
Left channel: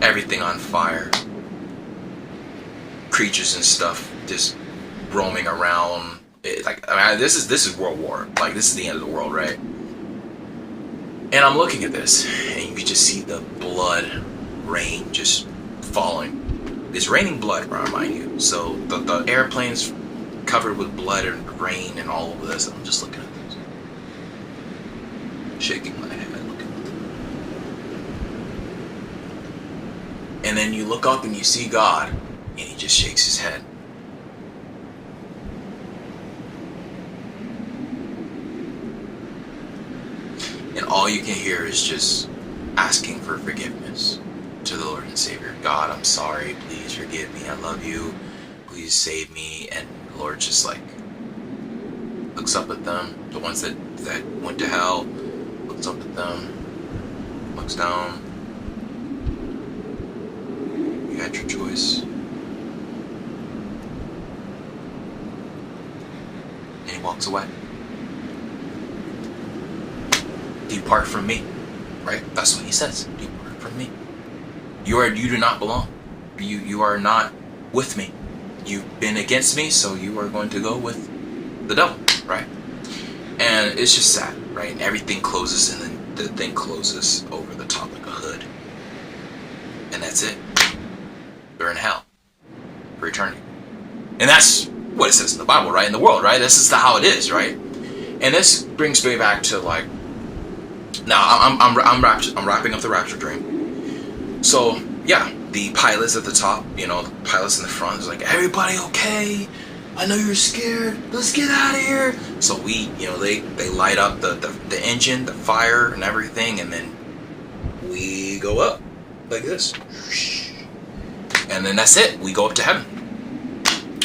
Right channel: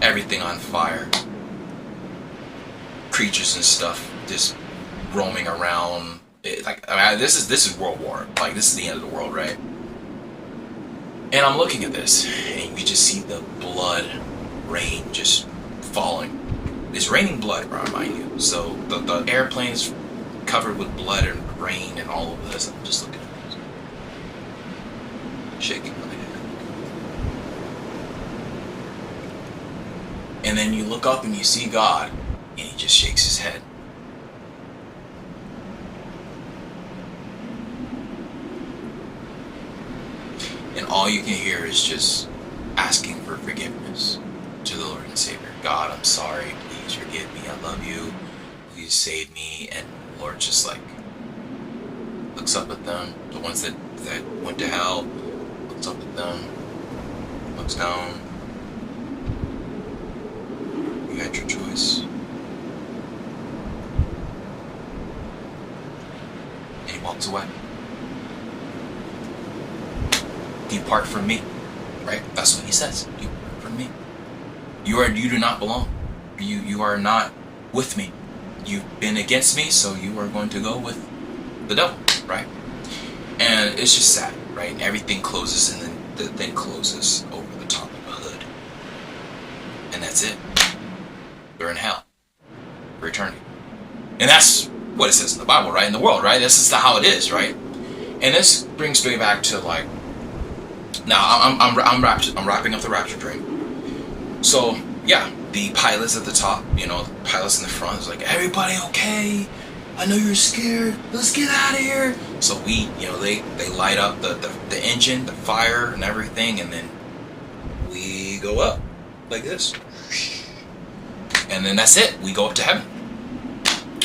Everything on fire. Creatures and stuff just roaming around. This is World War. Like, this is the end of the world, right? And I'm looking at this, and you just see the blood rain just falling. It's raining blood, mind you. So the airplane's covered with blood and rain and all over this. I'm just looking at this, shaking my head. And then you look up and you see God, and he just shakes his head. And all you can hear is just asking for forgiveness to the Lord and Savior. God, I'm sorry. Please forgive me. I love you. Please save me. And the Lord just like looks up at them. The ones that went to hell, looks up at them, looks down. You had your choice. And he walks away. Depart from me, right? That's what he says. Depart from me. You do not belong. You are not with me. You've been against me, so you are going to go with the devil, right? And it's just sad, right? And everything closes, and then the thing closes over the top like a hood. And that's it. They're in hell for eternity. And that's what it says in the Bible, right? In the world, right? This is how it is, right? And this brings me back to like, now I'm wrapping up the Rapture Dream. So yeah, the pilots at the top, you know, the pilots in the front is like, everybody okay? I know you're scared. Let's get out of here. So we, you know, they light up the engine, the fire, and everything, and then we go up like this, and then that's it. We go up to heaven.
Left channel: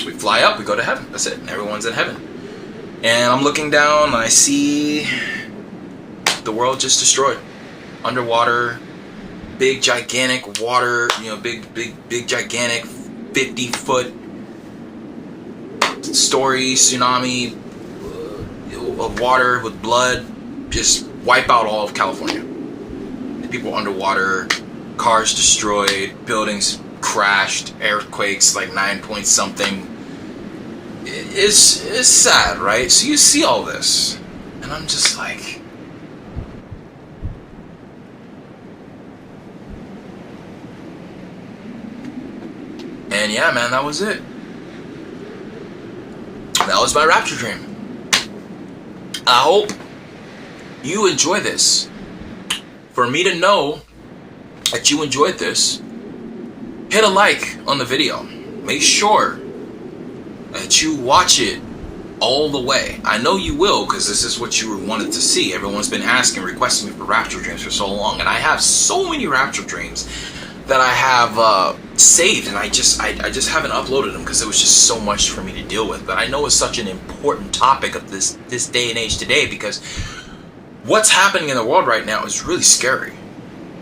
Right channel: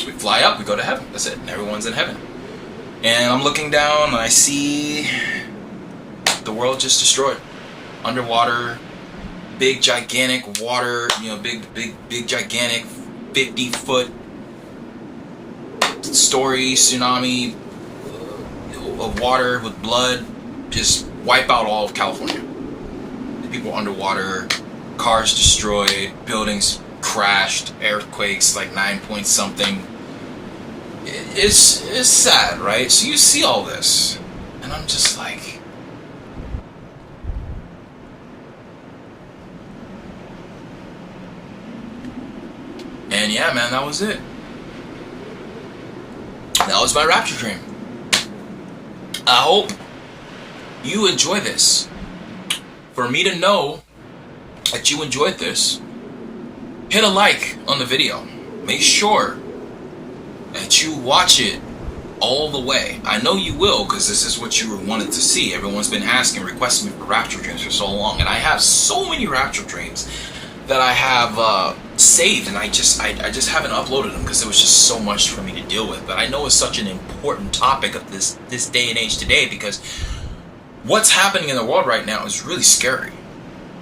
We fly up. We go to heaven. That's it. And everyone's in heaven. And I'm looking down, and I see the world just destroyed, underwater, big gigantic water, you know, big gigantic 50-foot story tsunami of water with blood, just wipe out all of California. People underwater, cars destroyed, buildings crashed, earthquakes like 9 point something. It's sad, right? So you see all this, and I'm just like, and yeah, man, that was it. That was my Rapture Dream. I hope you enjoy this. For me to know that you enjoyed this, hit a like on the video. Make sure that you watch it all the way. I know you will, because this is what you wanted to see. Everyone's been asking, requesting me for Rapture Dreams for so long, and I have so many Rapture Dreams that I have saved, and I just haven't uploaded them because it was just so much for me to deal with. But I know it's such an important topic of this day and age today, because what's happening in the world right now is really scary.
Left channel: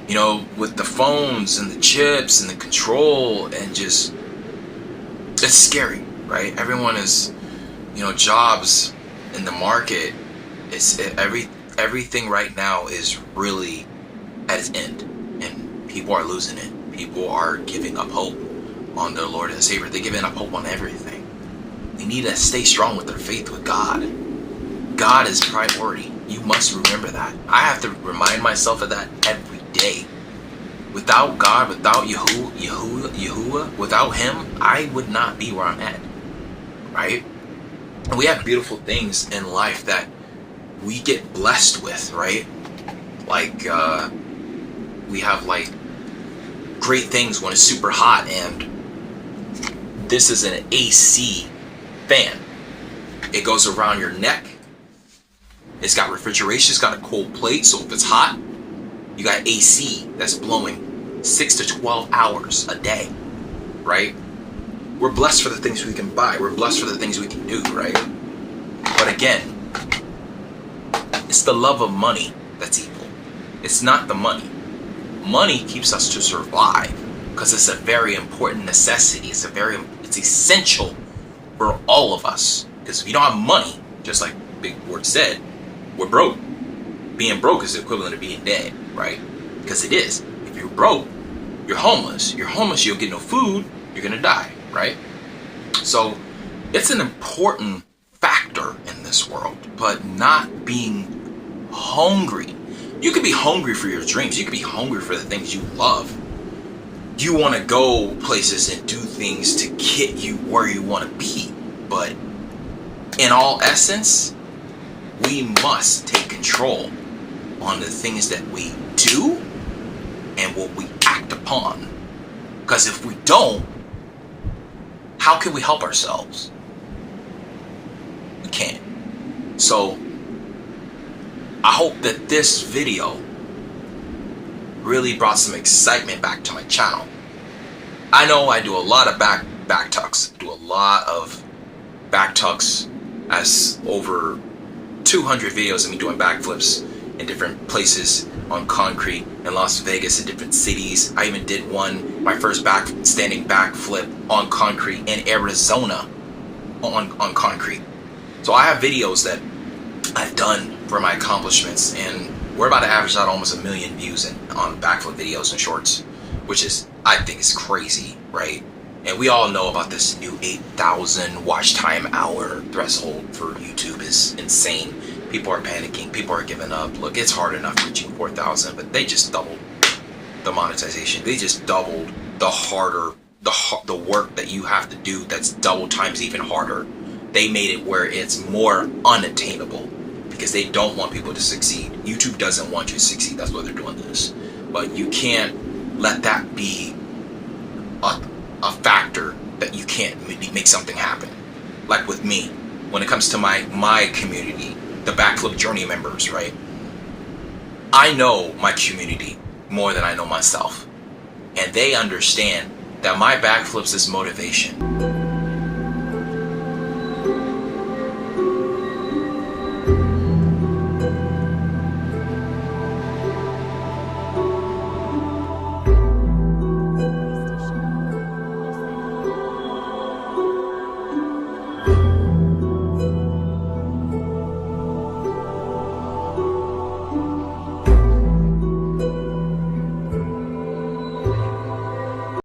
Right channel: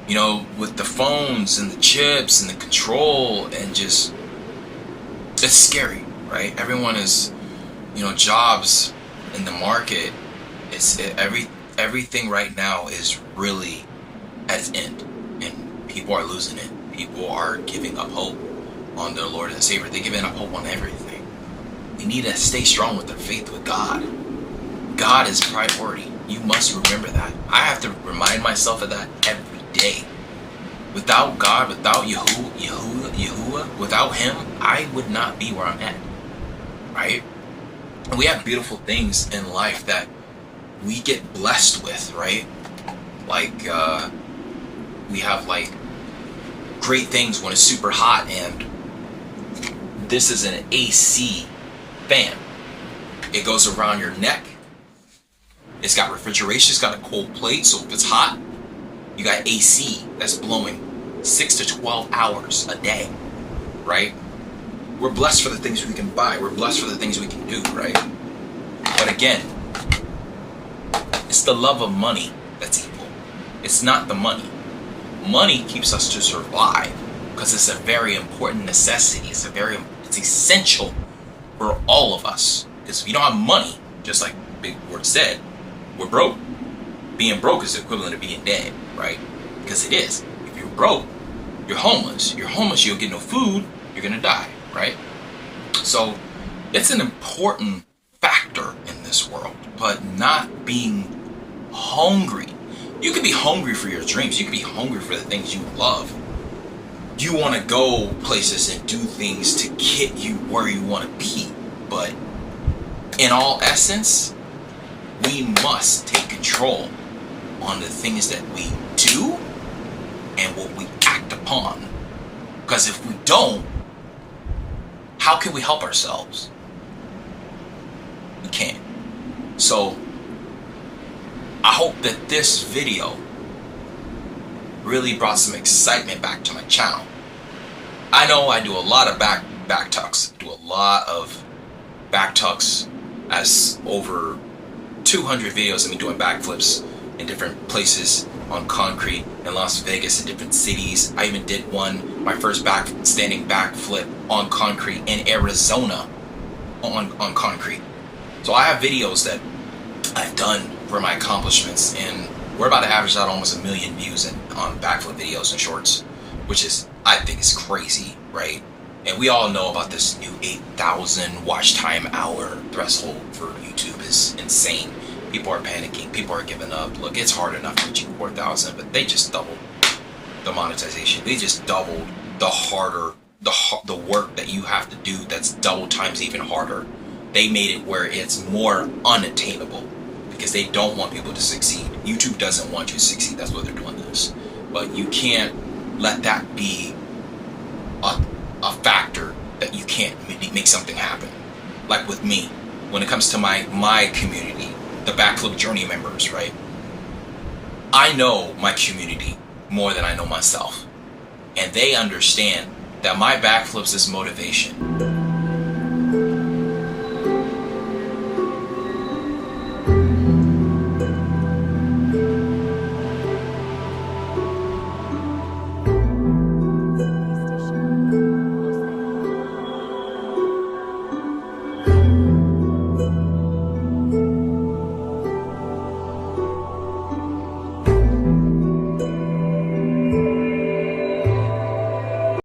You know, with the phones and the chips and the control, and just, it's scary, right? Everyone is, you know, jobs in the market. everything right now is really at its end, and people are losing it. People are giving up hope on their Lord and Savior. They're giving up hope on everything. We need to stay strong with our faith with God. God is priority. You must remember that. I have to remind myself of that every day. Without God, without Yahuwah, without Him, I would not be where I'm at. Right? And we have beautiful things in life that we get blessed with, right? Like, we have like great things when it's super hot, and this is an AC fan. It goes around your neck. It's got refrigeration, it's got a cold plate, so if it's hot, you got AC that's blowing 6 to 12 hours a day, right? We're blessed for the things we can buy. We're blessed for the things we can do, right? But again, it's the love of money that's evil. It's not the money. Money keeps us to survive because it's a very important necessity. It's essential for all of us. Because if you don't have money, just like Big Word said, we're broke. Being broke is the equivalent of being dead, right? Because it is. If you're broke, you're homeless. You're homeless, you'll get no food, you're going to die, right? So it's an important factor in this world, but not being hungry. You could be hungry for your dreams. You could be hungry for the things you love. You want to go places and do things to get you where you want to be. But in all essence, we must take control on the things that we do and what we act upon. Because if we don't, how can we help ourselves? We can't. So I hope that this video really brought some excitement back to my channel. I know I do a lot of back tucks. I do a lot of back tucks, as over 200 videos of me doing backflips in different places on concrete in Las Vegas, in different cities. I even did my first standing backflip on concrete in Arizona on concrete. So I have videos that I've done for my accomplishments, and we're about to average out almost 1 million views on backflip videos and shorts, which is, I think, is crazy, right? And we all know about this new 8,000 watch time hour threshold for YouTube is insane. People are panicking. People are giving up. Look, it's hard enough reaching 4,000, but they just doubled the monetization. They just doubled the work that you have to do. That's double times even harder. They made it where it's more unattainable because they don't want people to succeed. YouTube doesn't want you to succeed. That's why they're doing this. But you can't let that be a factor that you can't make something happen. Like with me, when it comes to my community, the Backflip Journey members, right? I know my community more than I know myself. And they understand that my backflips is motivation.